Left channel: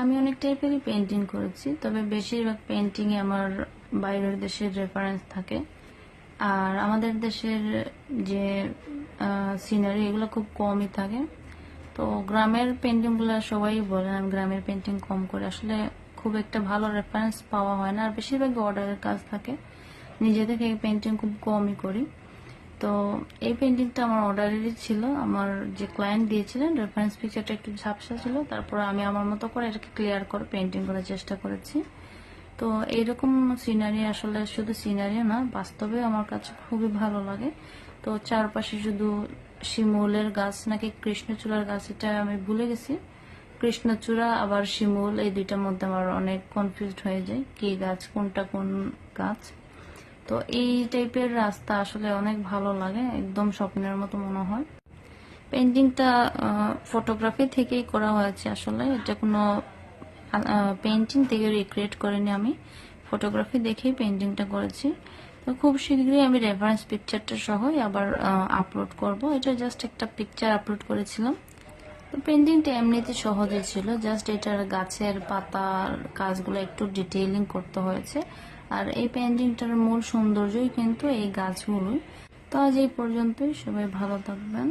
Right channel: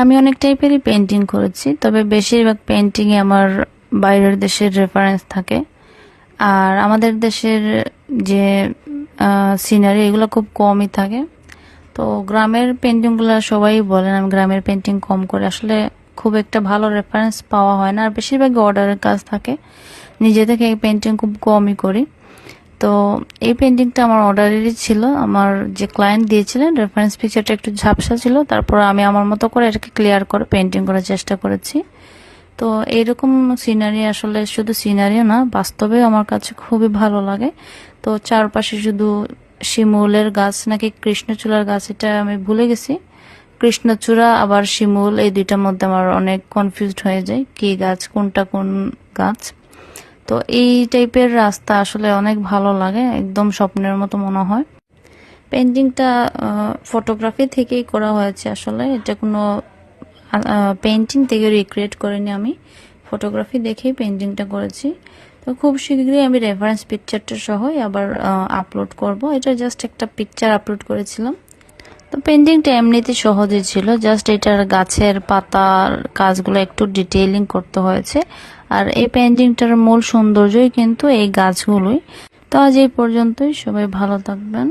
আমি অনেক টাইপেরই পেন্টিং করেছি, তবে বেশিরভাগ পেন্টিংয়ে আমার বাইরের দেশের রেফারেন্স থাকে। আর আমাদের দেশের যে সিনারি এগুলো খুব কমই থাকে। তো গ্রামের পেন্টিংগুলো সবাই বলেন আমি গ্রামের পেন্টিং কম করে, আসলে খুব একটা ভালো রেফারেন্স পাওয়া হয় না, আর বেশিরভাগই অর্ডারের কাজ থাকে। নিজে থেকে এই পেন্টিং খুব কমই করি। তো এই পেন্টিংটা আমার অর্ডারেরই ছিল। আমার যে ক্লায়েন্ট দিয়েছিলেন রেফারেন্স পিকচারটা একটু ঝাপসা ছিল, তারপর আমি আমার মতো করে এটাকে ক্লিয়ার করে পেন্টিং করার চেষ্টা করেছি। তো এইরকম সিনারি আসলে শুধু সিনারিও না, বাস্তবেও আমার কাছে খুবই ভালো লাগে। তো চারপাশে শুধু শিমুলের গাছ নাকি কৃষ্ণচূড়ার গাছ, এটা আমি ভুলে গেছি। কৃষ্ণচূড়া আবার শিমুল, এই দুইটার মধ্যে আমার অনেক কনফিউজড হয়ে যায় কি গাছ কোনটা কোন গাছ। তো এই টাইপের রাস্তা আসলে অনেক ভালো লাগে, একদম স্বপ্নের মতো মনে হয়। পেন্টিংটা ফটোগ্রাফি থেকেই করা হয়েছে, আসলে এটা কোনো পেন্টিং থেকে রিক্রিয়েট করিনি আমি, ফটোগ্রাফি দেখেই পেন্টিংটা করেছি। তো খুব শীঘ্রই আমি রেফারেন্স পিকচারটা সহ আবার আপলোড করব। এটা জাস্ট একটা পিকচার আপলোড করেছিলাম। তো পেন্টিংটা এমনিতে সহজই ছিল, জাস্ট এটার গাছের পাতার কাজগুলো একটু ডিটেইলিং করতে হয়েছে। আর এই পেন্টিংটার মূল সৌন্দর্যই কিন্তু এই গাছগুলোই। তো আজ এই পর্যন্তই, সবাই ভালো থাকবেন।